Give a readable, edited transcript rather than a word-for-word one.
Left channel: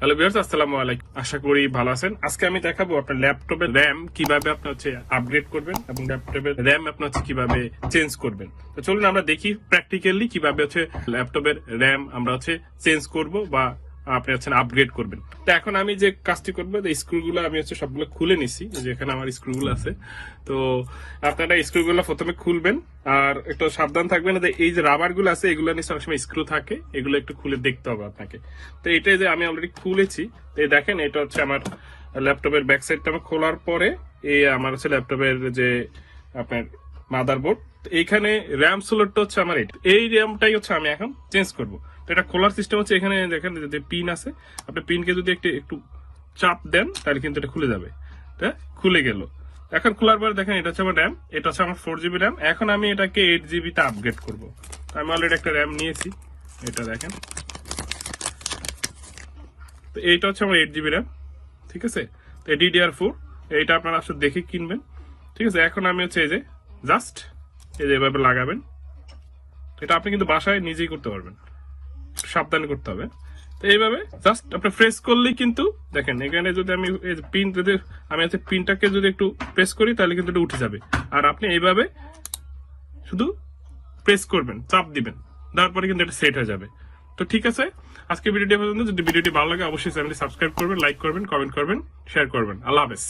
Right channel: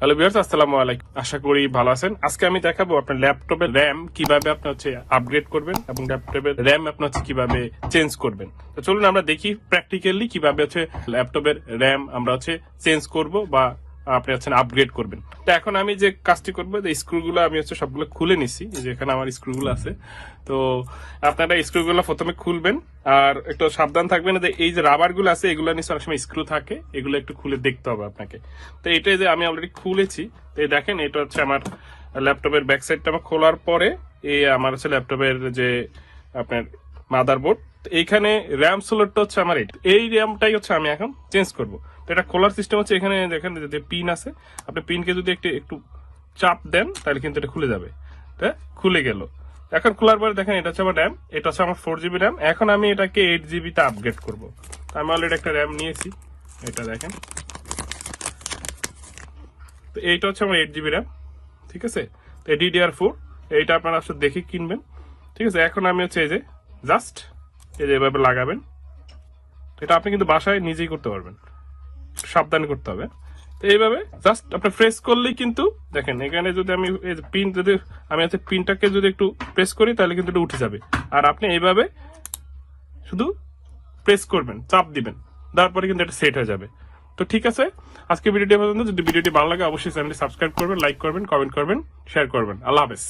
Hello viewers, আসসালামু আলাইকুম। আশা করি ভালো আছেন। আজকে আমি দেখাবো আপনার ল্যাপটপের র্যাম কিভাবে আপনি আপগ্রেড করবেন এবং ল্যাপটপের র্যাম আপনার কিভাবে চেঞ্জ করবেন। তো চলুন আমরা দেখি প্র্যাকটিক্যালি কিভাবে ল্যাপটপের র্যাম আমরা চেঞ্জ করব বা আপনি আপগ্রেড করবেন। তো এখন আমি যে কাজটি করবো, স্ক্রুগুলো আমি সবগুলো খুলে নিচ্ছি, যেখানে আমার স্ক্রুগুলো আছে। তো আপনারা স্ক্রুগুলো প্রথমে খুলবেন, আর একটু সাবধান থাকবেন যে এই যে রাবার গুলো আছে এগুলো নিচে অনেক সময় স্ক্রু থাকে, এগুলো একটু খুলে দেখতে হবে আপনাকে। তো এটাই যে আমি অলরেডি খুলেছি। তো দেখেন, এটা আমার ল্যাপটপের ব্যাক সাইডটা আমার খোলার পরে এই আমার ল্যাপটপের যে আপনার মাদারবোর্ড, এইখানে র্যাম স্লটটা আমার এই র্যামটাই আমি এখন চেঞ্জ করব। তো এটা খোলার সিস্টেম এখানে দেখেন যে পিন আছে, আপনি পিনকে যদি একটু চাপ দেন তাহলে কিন্তু এটা খুলে যাবে। খুলে গেল। এখন খোলার পরে দেখেন এটা আমার র্যাম, এটা আমার 4GB র্যাম। এখন আমি এটাকে 8GB তে আপগ্রেড করব। আমি অলরেডি একটা র্যাম নিয়েছি, এটা দেখেন। তো এইটা আমার 8GB র্যাম, ঠিক আছে। তো DDR4 এইটা আপনারা দেখে কিনবেন, ঠিক আছে। এখন আমি এই যে জাস্ট এই যে এভাবে লাগাবেন। এটা আপনি কিন্তু বাসায় নিজেই করতে পারবেন, সাবধানে করতে হবে। তো এইভাবে জাস্ট আপনি প্রেস করলেই কিন্তু দেখেন এখানে যদি আমি পিন যদি আমি পিনটাকে যদি একটু প্রেস করি তাহলে কিন্তু এটা উঠে যাবে। আর আপনি এইভাবে শুধু প্রেস করবেন, চাপ দিবেন, তারপরে কিন্তু এটা সেট হয়ে যাবে। তো ঠিক আছে, আজকে ভিডিওটি পর্যন্ত। যদি ভিডিওটি ভালো লাগে অবশ্যই চ্যানেলটি সাবস্ক্রাইব করবেন, লাইক করবেন, কমেন্ট করবেন, শেয়ার করবেন। আল্লাহ হাফেজ।